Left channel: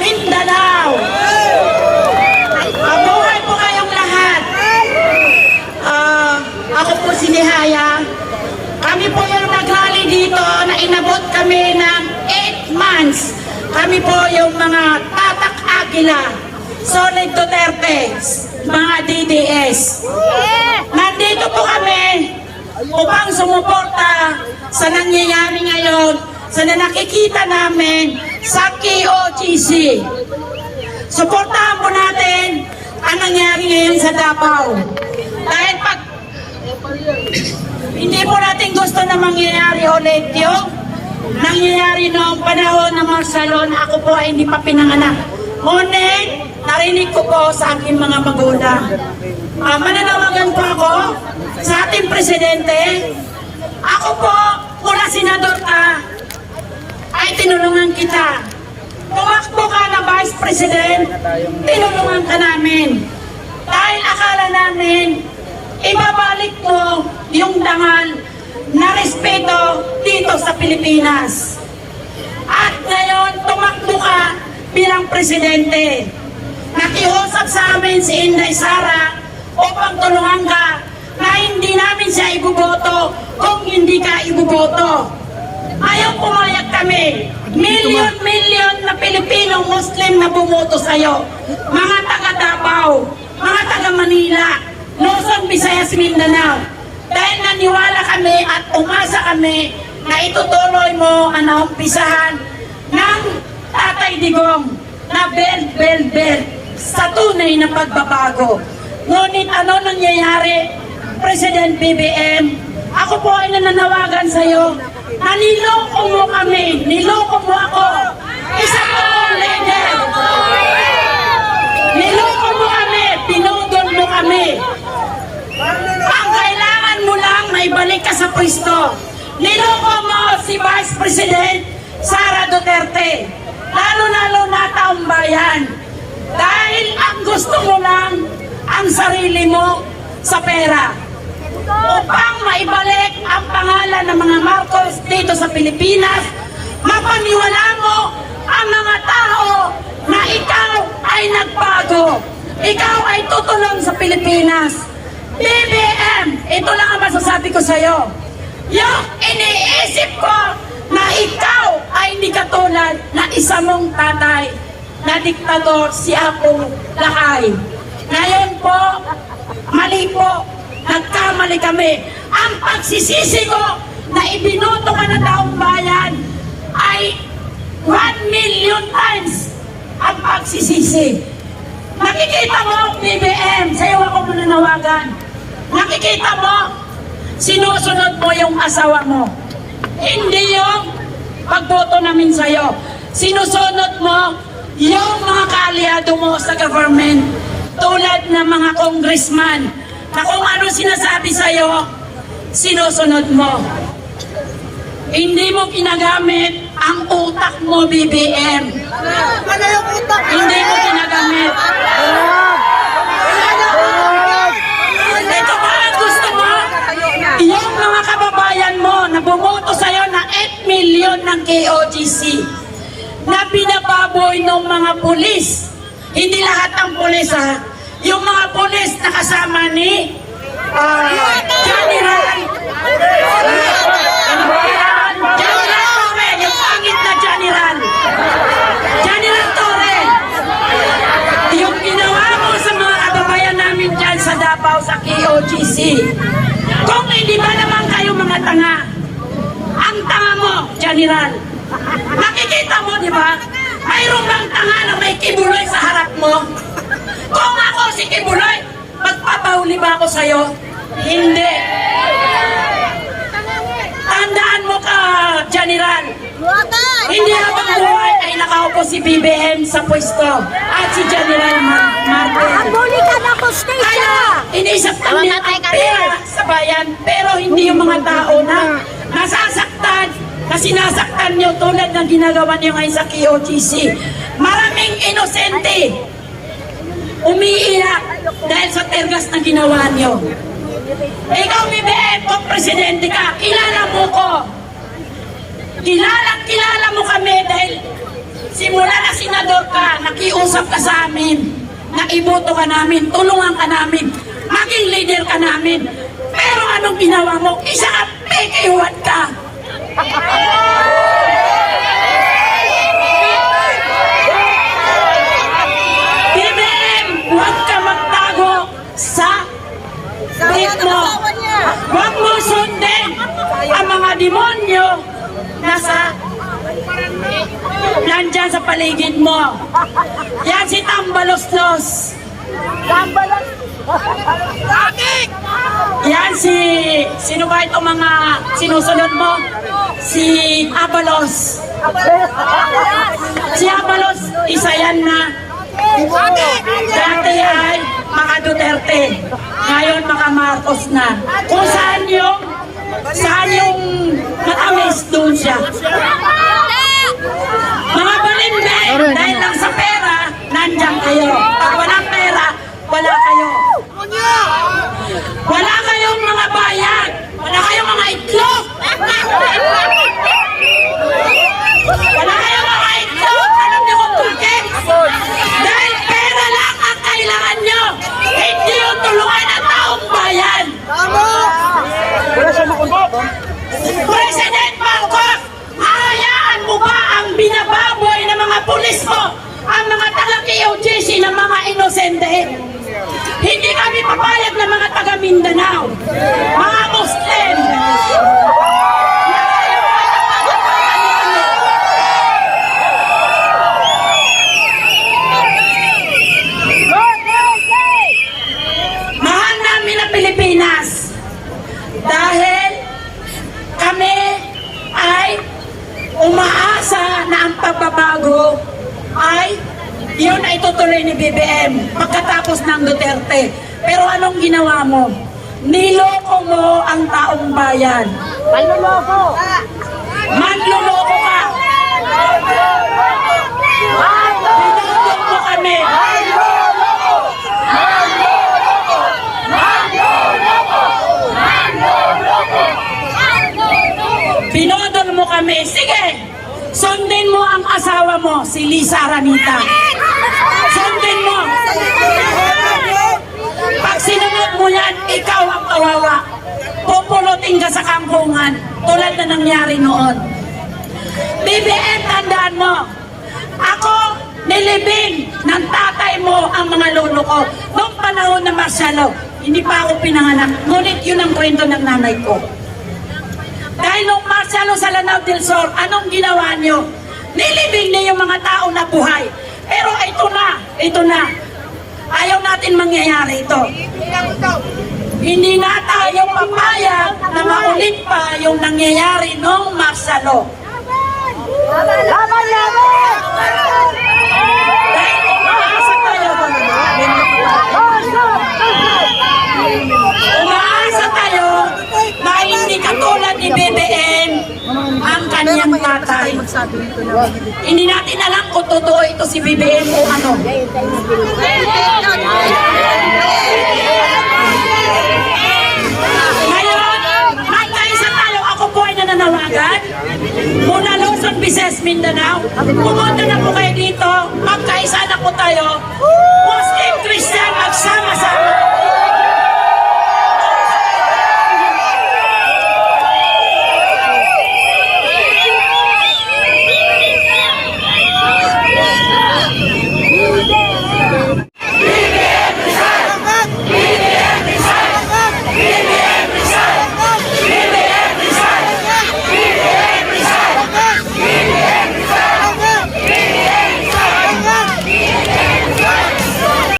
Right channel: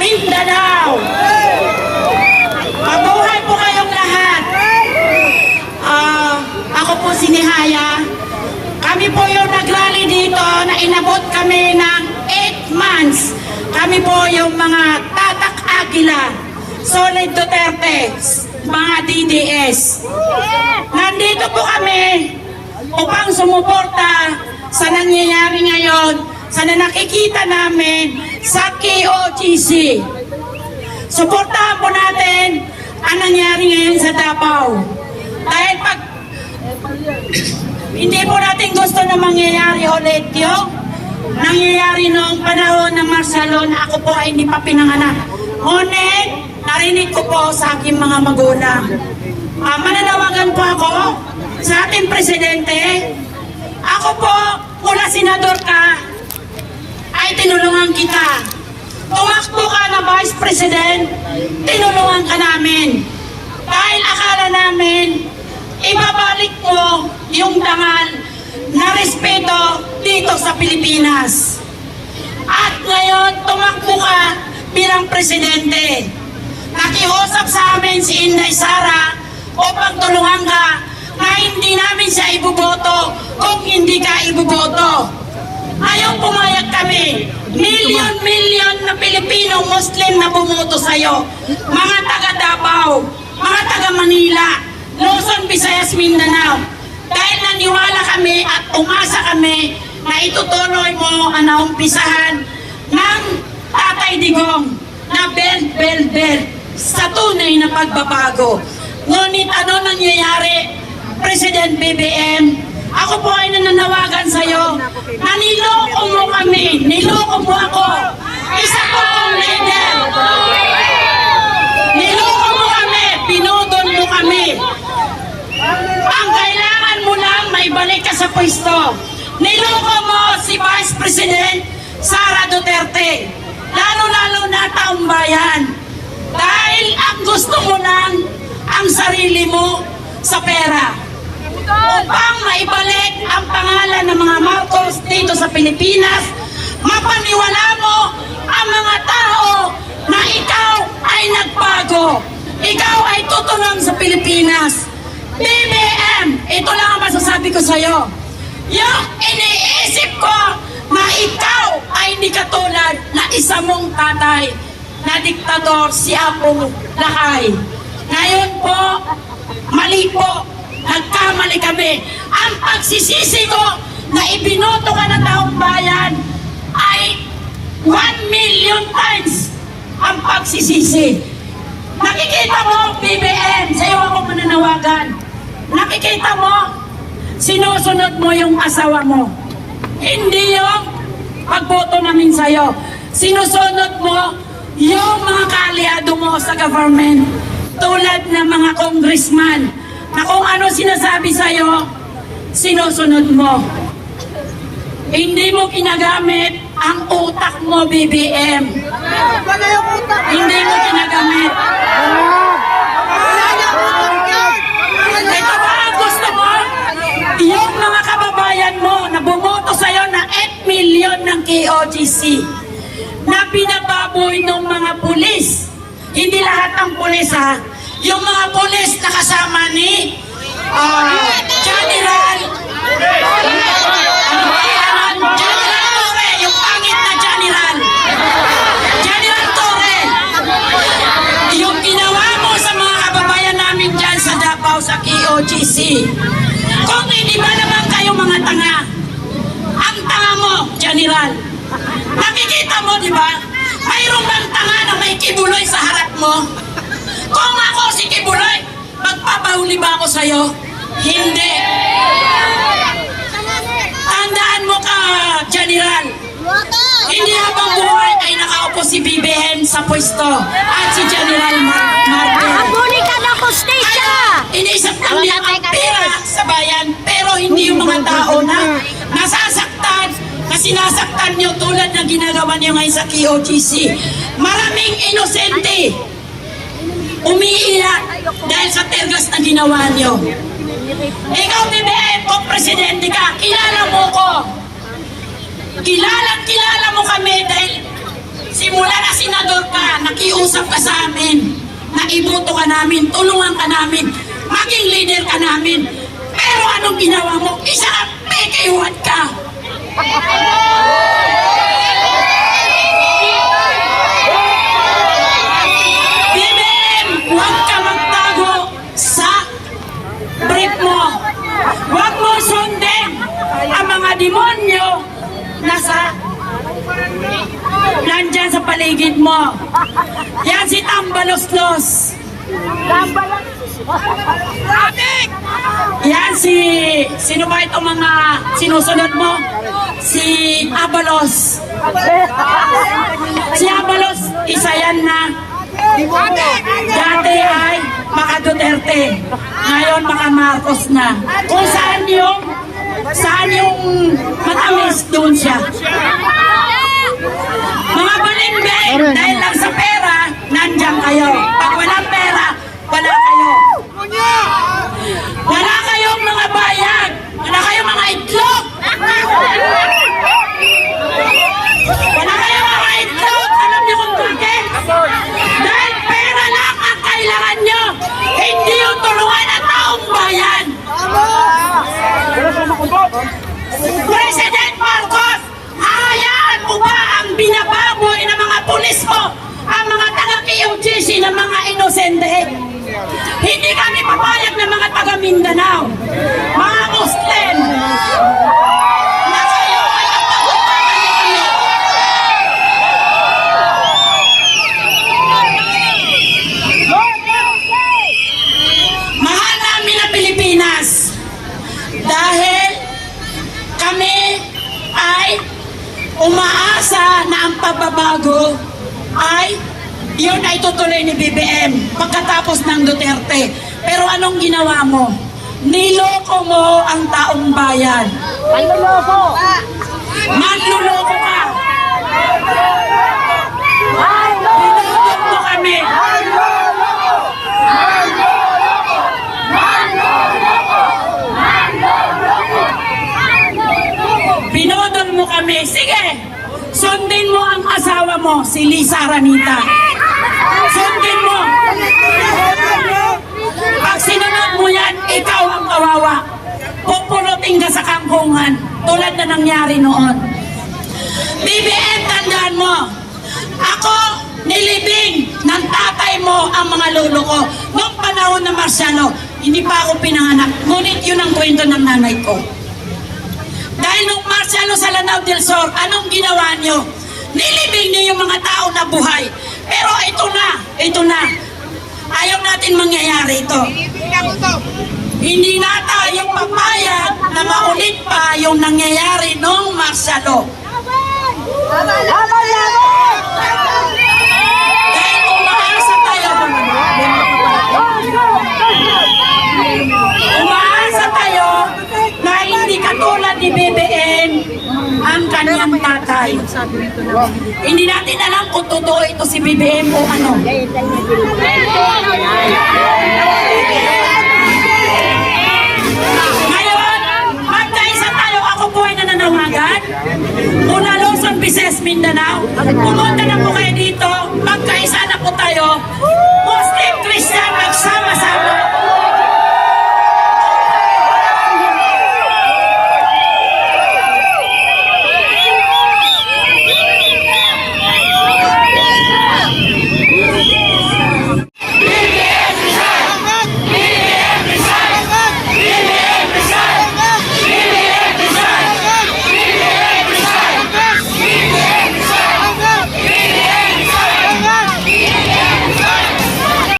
Mindanao. Mabuhay po kayong lahat. Ako po si Nihaya. Kami po yung nagrally dito na inabot kami ng 8 months. Kami po yung mga Tatak Aguila, Solid Duterte, mga DDS. Nandito po kami upang sumuporta sa nangyayari ngayon, sa nakikita namin sa KOGC. Suportahan po natin ang nangyari ngayon sa Davao. Dahil pag hindi po natin gusto na mangyayari ulit yung nangyayari noong panahon ng martial na ako po ay hindi pa pinanganak. Ngunit, narinig ko po sa aking mga magulang. Mananawagan po ako sa ating presidente. Ako po, mula senador ka, ay tinulungan kita. Tumakbo ka na Vice President, tinulungan ka namin. Dahil akala namin, ibabalik mo yung dangal na respeto dito sa Pilipinas. At ngayon, tumakbo ka bilang presidente. Nakiusap sa amin si Inday Sara upang tulungan ka na hindi namin siya ibuboto kung hindi ka ibuboto. Ayaw pumayag kami. Milyon-milyon na Pilipino Muslim na bumoto sa'yo. Mga taga Davao, mga taga Manila, Luzon, Visayas, Mindanao. Dahil naniwala kami at umasa kami na itutuloy mo ang naumpisahan ng Tatay Digong na belt sa tunay na pagbabago. Ngunit ano nangyayari, President BBM? Ako po ay nananawagan sa'yo na niloko mo kami, niloko mo ako. Isa ko pong leader. Niloko mo kami, pinudol mo kami. Ang kailangan mo lang maibalik ka sa pwesto. Niloko mo si Vice President Sara Duterte. Lalo-lalo na taong bayan. Dahil ang gusto mo lang ang sarili mo sa pera. Upang maibalik ang pangalan ng mga Marcos dito sa Pilipinas, mapaniwala mo ang mga tao na ikaw ay nagbago. Ikaw ay tutulong sa Pilipinas. BBM, ito lang ang masasabi ko sa'yo. Yung iniisip ko na ikaw ay hindi katulad na isa mong tatay na diktador si Apo Lakay. Ngayon po, mali po. Nagkamali kami. Ang pagsisisi ko na ibinoto ka na taong bayan ay 1 million times ang pagsisisi. Nakikita mo, BBM, sa iyo ako mananawagan. Nakikita mo, sinusunod mo yung asawa mo. Hindi yung pagboto namin sa iyo. Sinusunod mo yung mga kaalyado mo sa government tulad ng mga congressman na kung ano sinasabi sa'yo, sinusunod mo. Hindi mo ginagamit ang utak mo, BBM. Hindi mo ginagamit. Ito ba ang gusto mo? Yung mga kababayan mo na bumoto sa'yo na 8 million ng KOGC na binababoy ng mga pulis. Hindi lahat ng pulis, ha? Yung mga pulis na kasama ni General Torre, yung pangit na General Torre, yung ginawa mo sa mga kababayan namin dyan sa Davao, sa KOGC. Kung hindi ba naman kayo mga tanga, ang tanga mo, General. Nakikita mo, di ba? Mayroong bang tanga na may kibuloy sa harap mo? Kung ako si Kibuloy, magpapahuli ba ako sa'yo? Hindi. Tandaan mo ka, General. Hindi habang buhay ay nakaupo si BBM sa pwesto at si General Martin. Huli ka ng kustisya! Inisip kami ang pera sa bayan, pero hindi yung mga tao na nasasaktan, na sinasaktan nyo tulad ng ginagawa nyo ngayon sa KOGC. Maraming inosente umiiyak dahil sa tergas na ginawa nyo. Ikaw, BBM, kung presidente ka, kilala mo ko. Kilala mo kami dahil simula na senador ka, nakiusap ka sa amin, na iboto ka namin, tulungan ka namin, maging leader ka namin. Pero anong ginawa mo? Isa ka, pekeyuhat ka. BBM, huwag ka magtago sa brief mo. Huwag mo sundin ang mga demonyo na nandyan sa paligid mo. Yan si Tambaloslos. Yan sino ba itong mga sinusunod mo? Si Abalos. Si Abalos, isa yan na dati ay mga Duterte. Ngayon mga Marcos na. Kung saan yung matamis, doon siya. Mga balimbe, dahil lang sa pera, nandyan kayo. Pag walang pera, wala kayo. Wala kayong mga bayad. Wala kayong mga itlog. Wala kayong mga itlog. Alam niyo kung bakit? Dahil pera lang ang kailangan niyo. Hindi yung tulungan ng taong bayan. President Marcos, hayaan mo ba ang binababoy ng mga pulis mo, ang mga taga-KOJC ng mga inosente? Hindi kami papayag ng mga taga-Mindanao, mga Muslim. Na kayo ay ang pagkakalimutan. Mahal namin ang Pilipinas dahil kami ay umaasa na ang pagbabago ay yun ay tutuloy ni BBM pagkatapos ng Duterte. Pero anong ginawa mo? Niloko mo ang taong bayan. Manluloko! Manluloko ka! Pinudok mo kami! Pinodol mo kami. Sige, sundin mo ang asawa mo, si Lisa Aranita. Sundin mo. Pag sinunod mo yan, ikaw ang kawawa. Pupulutin ka sa kangkungan, tulad na nangyari noon. BBM, tandaan mo, ako nilibing ng tatay mo ang mga lolo ko. Noong panahon ng Marcialo, hindi pa ako pinanganak. Ngunit yun ang kwento ng nanay ko. Dahil nung Marcialo sa Lanao del Sur, anong ginawa nyo? Nilibing niyo yung mga tao na buhay. Pero ito na. Ayaw natin mangyayari ito. Hindi na tayo papayag na maulit pa yung nangyayari nung Marcialo. Laban! Dahil umaasa tayo. Umaasa tayo na hindi katulad ni BBM ang kanyang tatay. Hindi natin alam kung totoo ito si BBM o ano. Ngayon, magkaisa tayo. Ako po ay nananawagan. Una Luzon, Visayas, Mindanao. Pumunta na po kayo dito. Magkaisa na po tayo.